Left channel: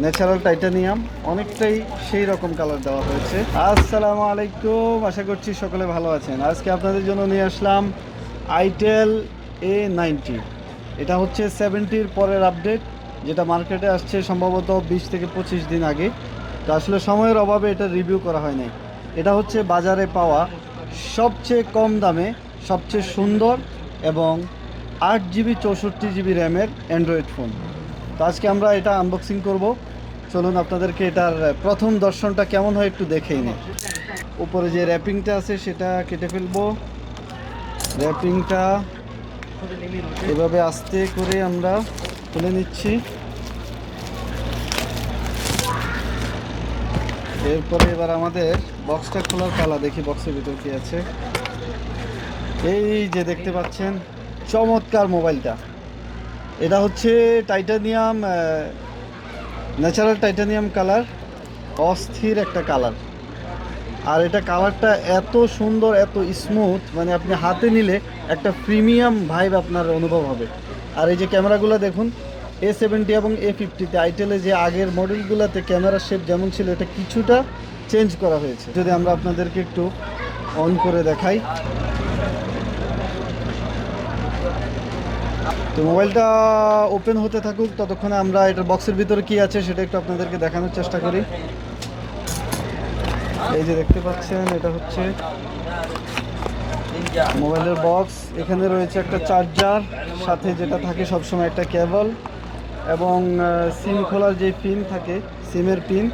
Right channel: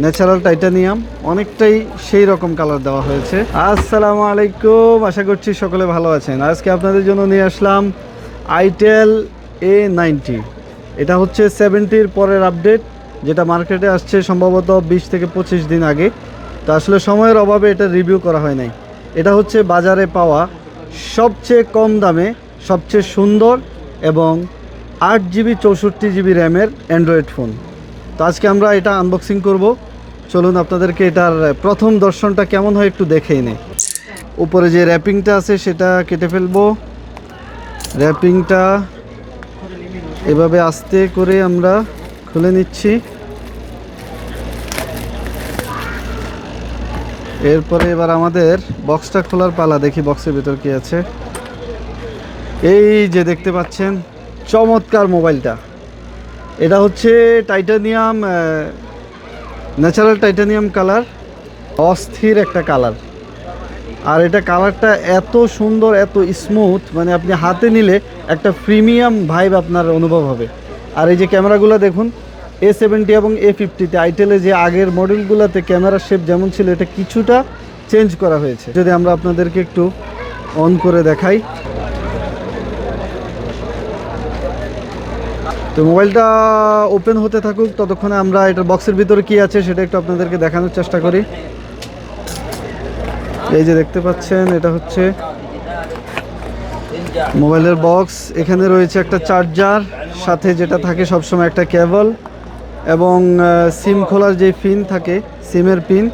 Natural titanium, অনেকটাই সেই রকম কালার দেওয়া হয়েছে। আসসালামু আলাইকুম, আশা করছি সকলে ভালো আছেন। আজকে আপনাদের জন্য নিয়ে আসলাম আইটেল A90। এটা হচ্ছে 70-র পরের আপডেট, যেটা মার্কেটে আসছে সম্ভবত 20 থেকে 25 দিন আগে। তো আসলে সময়ের অভাবে এটা রিভিউ করা হয় নাই। এটা হচ্ছে বাজারে পাওয়া সবচেয়ে কম দামে সবচেয়ে সুন্দর এবং 8GB 64GB র্যামের অ্যান্ড্রয়েড ফোন। তো আজকে আমরা এটা আনবক্সিং করব। চলুন আপনাদেরকে এটার প্রথম দর্শনটা কেমন হয় একটু দেখেই নেই। উপরে যে র্যাপিংটা আছে সেটা কেটে ফেলবো। র্যাপিংটা এভাবে আস্তে করে আমরা খুলে নিচ্ছি। এরপরে এবার আমাদের বক্সটা খোলার পালা। দেখি বক্সের ভিতর কি আছে। এই যে দেখতে পাচ্ছেন চমৎকার মোবাইলটা। এটা হচ্ছে টাইটানিয়াম, ন্যাচারাল টাইটানিয়াম কালার, অস্থির একটা কালার। আর এটা কালারটা এত সুন্দর, এত স্মুথ, মানে আপনি হাতে নিলে একটা প্রিমিয়াম ভাইব আপনার অনুভব হবে। আর এই যে ক্যামেরাগুলো দেখুন, A70 এবং A50-তে আইটেলে যে আগের মডেলগুলোতে ক্যামেরার শেপ যেমন ছিল, এটা কিছুটা চেঞ্জ করা হয়েছে। যদি আমরা আপনাদেরকে একটু অন করে দেখাই, তো মোবাইলটা ওপেন হতে থাকুক, ততক্ষণে আমরা এটার বক্সের ভিতরে কি আছে সেটা একটু আপনাদেরকে দেখানোর চেষ্টা করি। এই যে দেখতে পাচ্ছেন, এটা হচ্ছে মোবাইলের বক্স। এখানে রয়েছে একটা চার্জার, সাথে যেটা থাকে সবসময় একটা কেবল, এবং সিম খোলার যে পিন থাকে, সিমের পিন।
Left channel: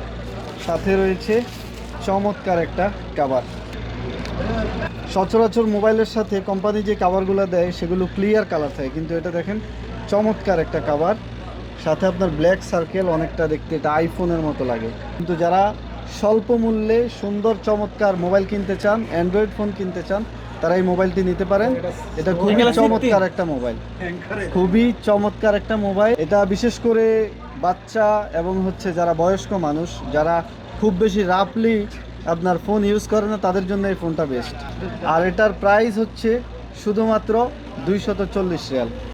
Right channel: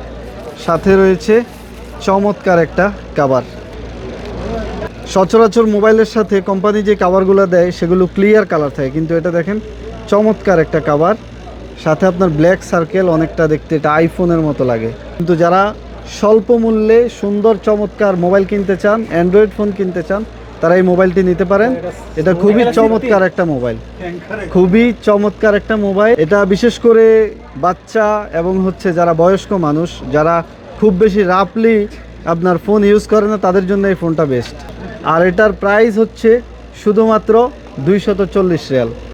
সাথে রয়েছে চমৎকার একটা কভার। সচরাচর মোবাইলের সাথে কোম্পানি যে কাভারগুলো দেয় সেগুলো ক্লিয়ার কালার থাকে, কিন্তু এটা দেখেন চমৎকার একটা কাভার। সাথে আপনার ব্ল্যাক সার্কেল, অনেকটা দেখতে এটা আইফোনের মতো লাগে। কিন্তু যারা স্বল্প মূল্যে সুন্দর চমৎকার মোবাইল কিনতে চান, অ্যান্ড্রয়েড ফোন কিনতে চান, তারা এই মোবাইলটি নিতে পারেন। এটা খুবই চমৎকার একটা মোবাইল, খুবই চমৎকার একটা মোবাইল। এটা বিশেষ করে বাচ্চা এবং হচ্ছে যারা বয়স্ক মানুষ, যারা খুব বেশি রাফলি আপনার ফোন ইউজ করে না, তাদের জন্য এই ফোনটা বেস্ট। আর এটার প্রাইস হচ্ছে শুধুমাত্র 240 রিয়াল।